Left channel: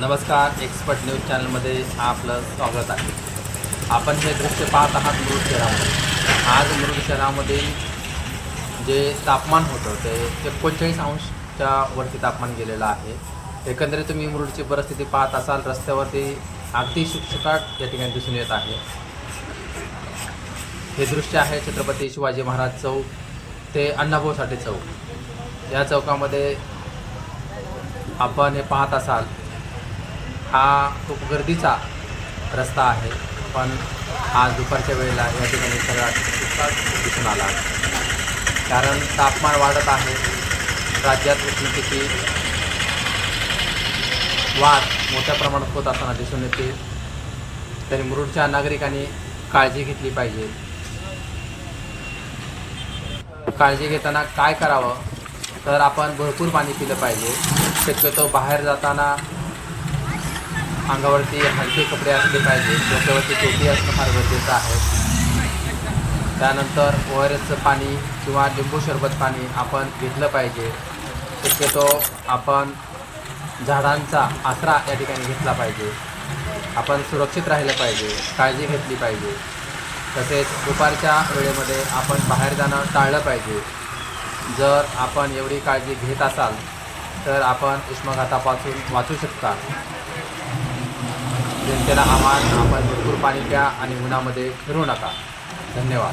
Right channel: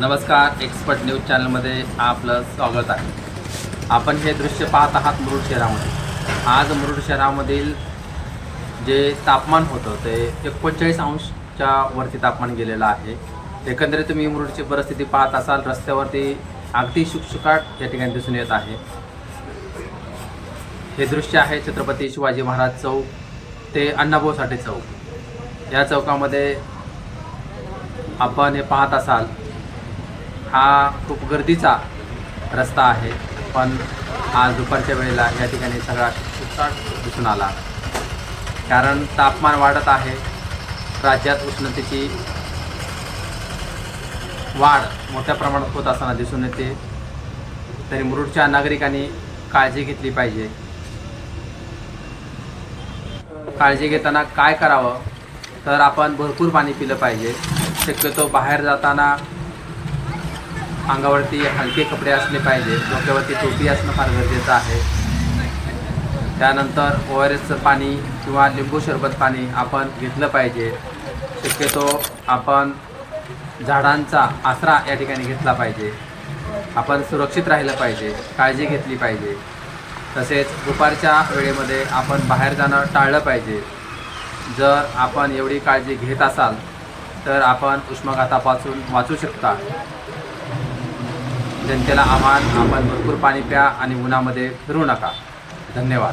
नमस्कार, expert news चॅनलमध्ये आपलं स्वागत आहे. आपण हे दृश्य पाहत आहात मुरुड शहरामध्ये. आज मुरुड शहरामधील जे तापमान होतं ते 39 अंशच्या वरती तापमान गेलेलं आहे. एकंदरीत तुम्ही मुरुडची परिस्थिती पाहत असाल, रस्त्यावरती अगदी शुकशुकाट या ठिकाणी दिसून येत आहे. हे दृश्य आहे छत्रपती शिवाजी महाराज चौक ते अण्णाभाऊ साठे चौक. या चौकामध्ये आपण हे पाहत असाल, हा खूप गर्दीचा रस्ता आहे, पण आज दुपारच्या वेळेला या ठिकाणी सगळा शुकशुकाट दिसून आला. कारण तापमान वाढत आहे, राज्यात उष्णतेची वाढ मोठ्या प्रमाणात होत असताना दिसून येते. तरी मुरुडच्या नागरिकांनी काळजी घेतली पाहिजे. काळजी घेताना काय करावं, तर आपण भरपूर पाणी पिलं पाहिजे. शक्यतो बाहेर जाताना अंगावरती हलके कपडे असले पाहिजे, डोक्यावरती टोपी असणं फार गरजेचं आहे. त्यानंतर ORSचं पाणी किंवा लिंबू सरबत पाणी आपण घेतलं पाहिजे. शक्यतो आपण झाडांचा आसरा या ठिकाणी घेतला पाहिजे. आपण सुरक्षित राहिलं पाहिजे, काळजी घेतली पाहिजे. तसेच दुपारच्या वेळेमध्ये आपण बाहेर जाणं टाळलं पाहिजे. जर आपण एवढी काळजी घेत असाल तर आपण उष्माघातापासून वाचू शकता. जनतेला आव्हान, आपण भरपूर पाणी प्या आणि उन्हामध्ये फिरू नका. धन्यवाद.